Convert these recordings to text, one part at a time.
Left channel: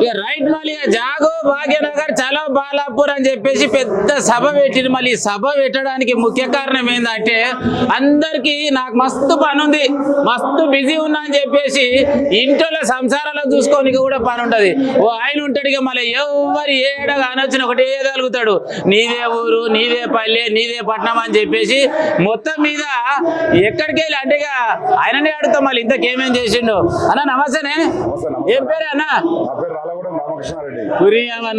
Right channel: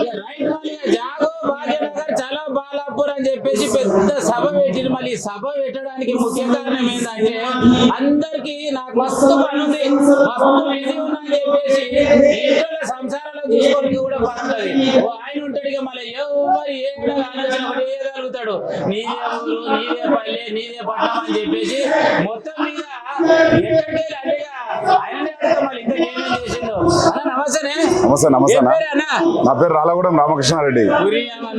ఇక రైట్ మళ్ళీ ఇక బాలాపూర్ అని చెప్పేసి పెద్ద సభ పెట్టింది మళ్ళీ సభ పెట్టడానికి ముఖ్య కారణం ఏంటంటే అందరికి నాకు మస్తు పని ఉంది మస్తు బిజీ ఉన్నా అని చెప్పేసి ఇంట్లో సంసారాలు చూసుకోనికి కూడా పని ఉంటది ఓ ఆయన ఉంటాడు ఇక మళ్ళీ ఎవరు ఏడ కానొచ్చిన ఒకటి వేయగలుగుతాడు నీదే ఊరు నీదే పల్లె నీదే పట్నం అని చెప్పేసి మొత్తం మీద ఎక్కడికి వెళ్ళి అంటే ఆయననే అడుగుతాం మళ్ళీ ఇంతకేమేం చేసిండు. అన్న నమస్తేనే నమస్తే నమస్తే అన్న. నా పేరు రాలగూడెం రామకృష్ణారెడ్డి.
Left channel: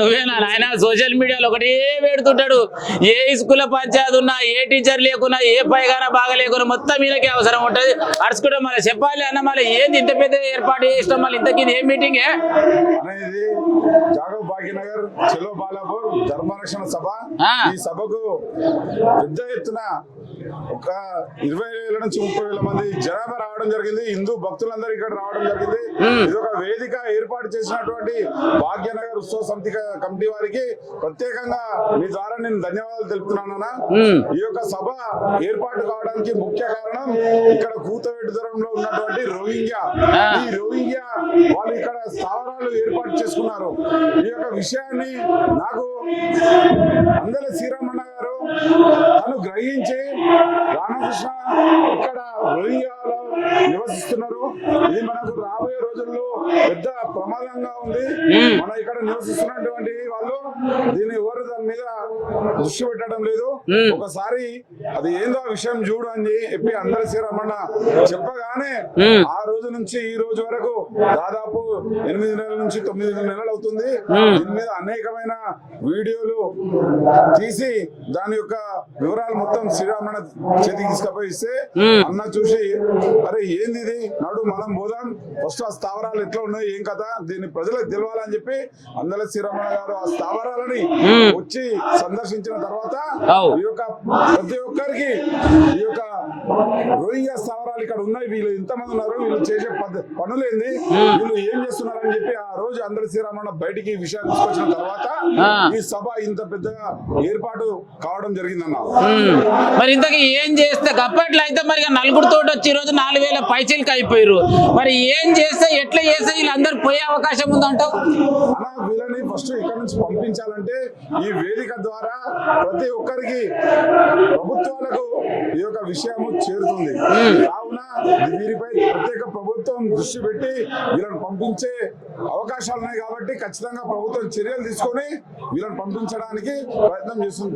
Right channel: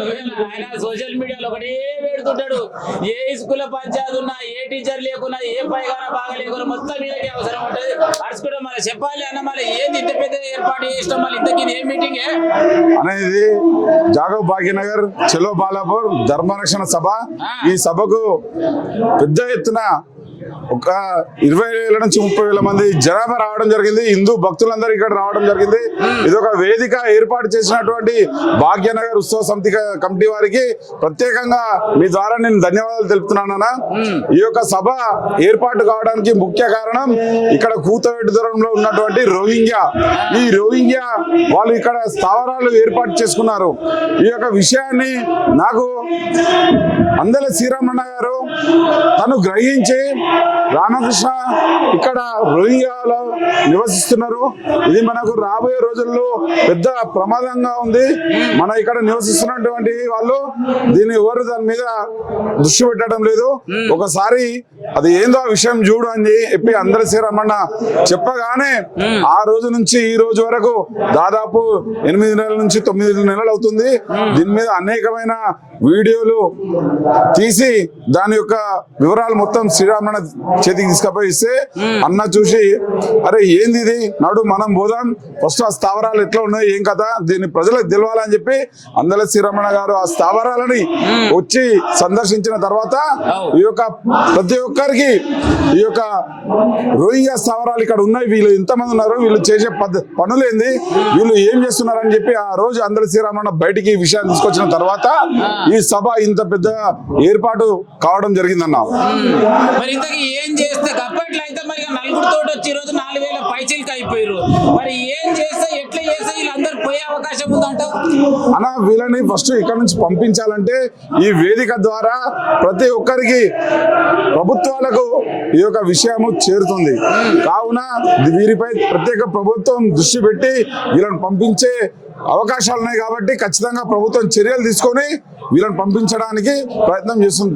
నువ్వేనా? ఆయన సోషల్ మీడియాలో ఒకటే పెడుతుంటాడు. ఏ స్కూల్ పంచాయతీ ఉన్నా ఏ టీచర్ లేకున్నా ఏ పైగాన బాగా లేకున్నా మొత్తం వీళ్ళకి అవసరం ఉంటది. అడుచుకుంటే మళ్ళీ చెప్పాలి అన్న మళ్ళీ ఏంది ఇంత పెద్ద ఏర్పాటు చేసినాం మళ్ళీ ఇంతకీ ఏ మీటింగే అనేది జాగవ్ భాగ్యనగర్ చెలో బాలాపూర్ ధర్మరక్షణ సభ. ఈ సభకు పెద్ద ఎత్తున ఒక ఇరవై వేల నుంచి ముప్పై వేల మంది జనాభా రావడం జరిగింది. హిందూ భక్తులందరూ ఇక్కడ రావడం జరిగింది. ఇది ఒక వేదిక ఏర్పాటు చేసినటువంటి భాగ్యనగర్ ఉత్సవ సమితి కమిటీ వారికి ప్రత్యేకంగా మీ ద్వారా నేను ధన్యవాదాలు తెలుపుతున్నానన్నా ఈ యొక్క సభ ఏర్పాటు కావడానికి ముఖ్య కారణం ఇక్కడ కూతవేటి దూరంలో ఉన్నటువంటి రోహింగ్యా. ఈ రోహింగ్యా వాళ్ళు ఇక్కడ స్థావరాలు ఏర్పాటు చేసుకున్నారు. ఈ యొక్క విషయాన్ని నాకు అందల శ్రీరామన్న గారు తను గ్రహించి రామకృష్ణ ఇక్కడ రోహింగ్యాలో నివసిస్తున్నారు. ఇది మనకు రాబోయే రోజుల్లో పెద్ద ప్రమాదంగా ఉంది. మన ఇక్కడ నివసిస్తున్నటువంటి వాళ్ళు దీన్ని ఎవరు దాని మీద దృష్టి పెట్టడం లేదు. ఒకసారి అది ఏందో విషయం చూడు అని చెప్పి అందరి శ్రీరామన్న చెప్పగానే ఆ రోజు నుంచి ఈ రోజు వరకు దాదాపు ఎనిమిది నెలల నుంచి తొమ్మిది నెలలు అవుతుంది. దీని మీద అనేకమైన వీడియోలు తీసి దాని యొక్క వివరాలు మొత్తం శ్రీరామణ చేతికి తీసుకపోయి ఇస్తే అన్న చూసి అరే ఏంది ఇది? నాడు మనం పోదాం. ఫస్ట్ ఆ స్థావరాలు ఎట్లా ఉన్నాయి? ఏం కథ? దీన్ని ప్రజలకు తెలవాలని చెప్పి అందల శ్రీరమణ గారు ఆ స్థావరాలని వచ్చి సందర్శించిన తర్వాత. ఈ యొక్క ప్రతి ఒక్కరికి ఈ యొక్క రోహింగ్యా స్థావరాలు ఇక్కడ ఉన్నాయి. వీళ్ళు ఎంతమంది ఉన్నారు. వీళ్ళు చేసే పనులు ఏంది? వీళ్ళు ఏం చేస్తున్నారు అని చెప్పి ఆ రోజు అందరి శ్రీరామన్న బయటికి ఈ విషయాన్ని తీసుకొచ్చిన తర్వాత ఈ సభ ఇంత పెద్ద ఏర్పాటు కావడం జరిగిందన్న మరి ఇంతకీ ఏం చేస్తే అప్పట్లో అయితే మరి నలుగురు నలుగురితో వచ్చి ఈ రోజు నాలుగు వేల పైచీలకి అయిపోయారు మరి ఏం చేస్తే ఎట్లా చేస్తే వీళ్ళందరూ పోయే అవకాశం ఉందంటావు? అలా వీళ్ళని ఫస్ట్ ఇక్కడ నుంచి పంపించాలంటే ఈ వేదిక ద్వారా ప్రతి ఒక్కరికి ప్రభుత్వాలకు ఈ యొక్క విషయము చేరుతుంది. కావున వీరిపై ప్రత్యేక ప్రభుత్వం దృష్టి పెట్టి వీళ్ళని పంపించే అవకాశాలు ఉన్నాయి కాబట్టి ఖచ్చితంగా ప్రభుత్వం చర్యలు తీసుకొని వీళ్ళని పంపించడానికి ప్రయత్నం చేస్తుంది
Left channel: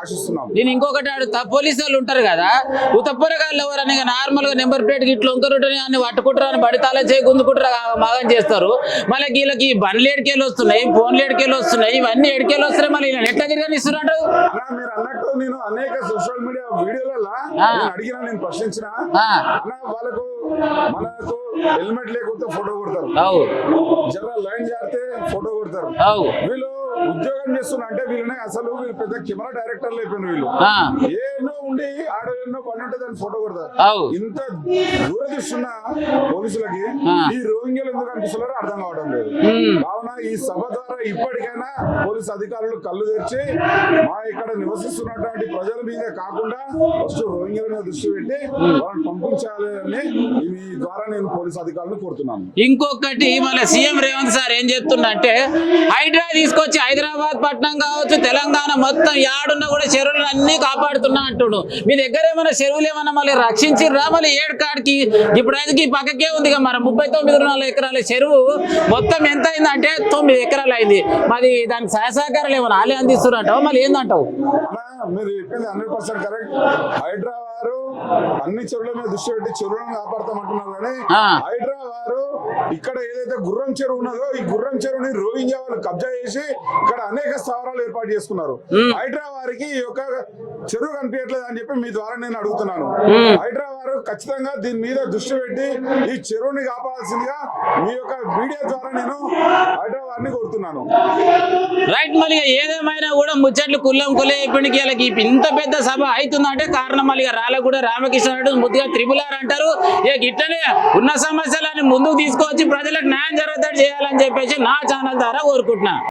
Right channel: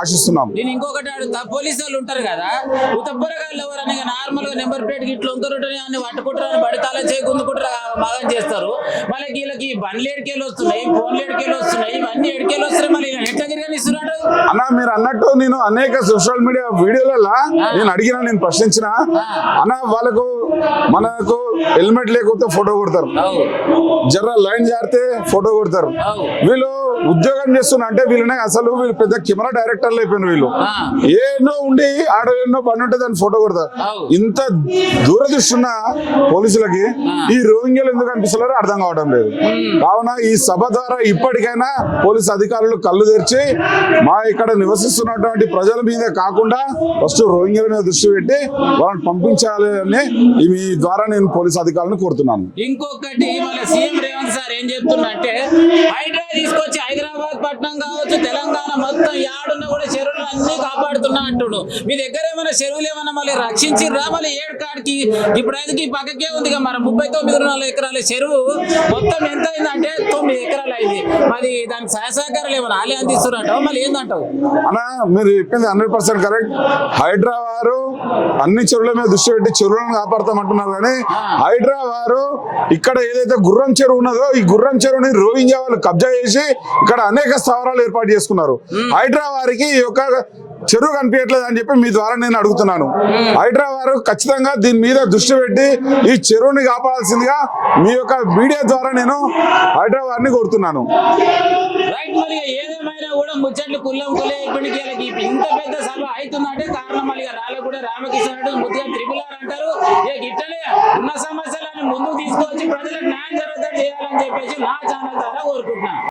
ఆశిస్తున్నాం నేను ఇంకొకటి అడుగుతా. పోలీసు వాళ్ళు ఉంటారు కదా ఉత్తప్పరగాళ్ళు ఎవరని నార్మల్గా నెంబర్ ప్లేట్ గిట్లు ఉంకరుంటారు అని పట్టుకుంటారు అని బడితాలో చేయి గుందుకుంటారు మగం చేస్తారు. మళ్ళీ వీళ్ళకి బండ్లు ఎడికేళ్ళు వస్తున్నాయి ఫోన్లు ఎడికేళ్ళు వస్తున్నాయి ఇవన్నీ ఎడికేళ్ళు వస్తున్నాయి. మళ్ళీ ఎట్లా అన్న మీరు అన్నట్టు నేను అనేక సోషల్ మీడియా వీడియోలలో నేను అడిగిన నేను ప్రశ్నించిన. అన్న వాళ్ళకు మనకు హెల్మెట్ లేకపోతే ఫోటో కొడతారు. జర్ర లైన్ జారితే ఫోటో కొడతారు. వీళ్ళు ఉద్యోగం చేస్తున్నా అంటే వీళ్ళనే అసలు వీళ్ళు పెద్ద కెమెరా డైరెక్టర్లు అయిపోయిన వీళ్ళు. ఏనో ఉండి ఆడ ఎన్నో పని ఉంటే దాన్ని ఫోటో కొడతారు. ఇంత దూరదృష్టి ఉన్న పోలీసులకి. ఈ రోహింగ్యాలు ఎందుకు అనిపిస్తున్నారో అర్థం కావడం లేదు కావున ఈ సభ ద్వారా ఇప్పటికైనా పోలీసు అధికారులు కళ్ళు తెరిచి మా ఇక్కడ నివసిస్తున్నటువంటి ప్రజల మీద కాకుండా ఫస్ట్ రోహింగ్యాల మీద దృష్టి పెట్టి వాళ్ళని పంపించాలి అని మీ ద్వారా నేను పోలీసు అధికారులను కోరుతున్నాను ఇంకొకటి మన సీఎం రేవంత్ సార్ ఏం చెప్తుండంటే హైడ్రా తీసుకొచ్చి हैदराबाद మీ దగ్గర ఏమైనా చెరువులు ఏమైనా మళ్ళీ రక్షించిర్రా? మళ్ళీ ఏడు కాడికి? ఇప్పుడు అయితే ఈ పక్కకే ఉంది మరి ముప్పై తొమ్మిది నాలుగు ఎకరాల చెరువు. మొత్తం ఎంత అయిందంటే తొమ్మిది ఎకరాలు అయింది. మరి దానికి సహాయ సహకారాలు ఏమైనా ఆలే అందిస్తున్నట్టు మళ్ళీ ఏందంటావు? అన్న మీరు చెప్పింది హండ్రెడ్ పర్సెంట్ కరెక్ట్. హైడ్రా వారు అన్ని చెరువుల మీద దృష్టి పెట్టి చెరువులను కాపాడతామంటున్నారు కానీ. హైడ్రా వారు ఇక్కడ ఏదైతే గుర్రం చెరువు ఉన్నదో ఈ గుర్రం చెరువుని రోహింగ్యా వాళ్ళు కబ్జా చేసి ఇక్కడ అనేక స్థావరాలు ఏర్పాటు చేసుకున్నారు. హైడ్రా వారికి ఈ యొక్క చెరువు కనిపించట్లేదు అని చెప్పి మీ ద్వారా నేను అడుగుతున్నాను. హైడ్రా వారు ఖచ్చితంగా దీని మీద దృష్టి పెట్టి ఈ చెరువుని కాపాడాల్సిందిగా మీ యొక్క మీడియా ద్వారా నేను హైడ్రా వారిని కోరుతున్నాను. రైట్ మళ్ళీ ఏదేమైనా కూడా ముచ్చట్లు కుల్లం కులే ఇప్పటికి వీళ్ళకి ఇంత పెద్ద సభ అవుతుందంటే కారణం మళ్ళీ రాళ్ళగూడ రామకృష్ణ ముద్దుగా త్రిపుల్ ఆర్ అంటారు. ఇక ఇట్లనే ఉన్న సమస్యలని ముందుకు తీసుకొచ్చి ప్రజలకు న్యాయం జరుగుతాడు చేయాలని చెప్పేసి నా ఛానల్ ద్వారా కోరుకుంటున్నాను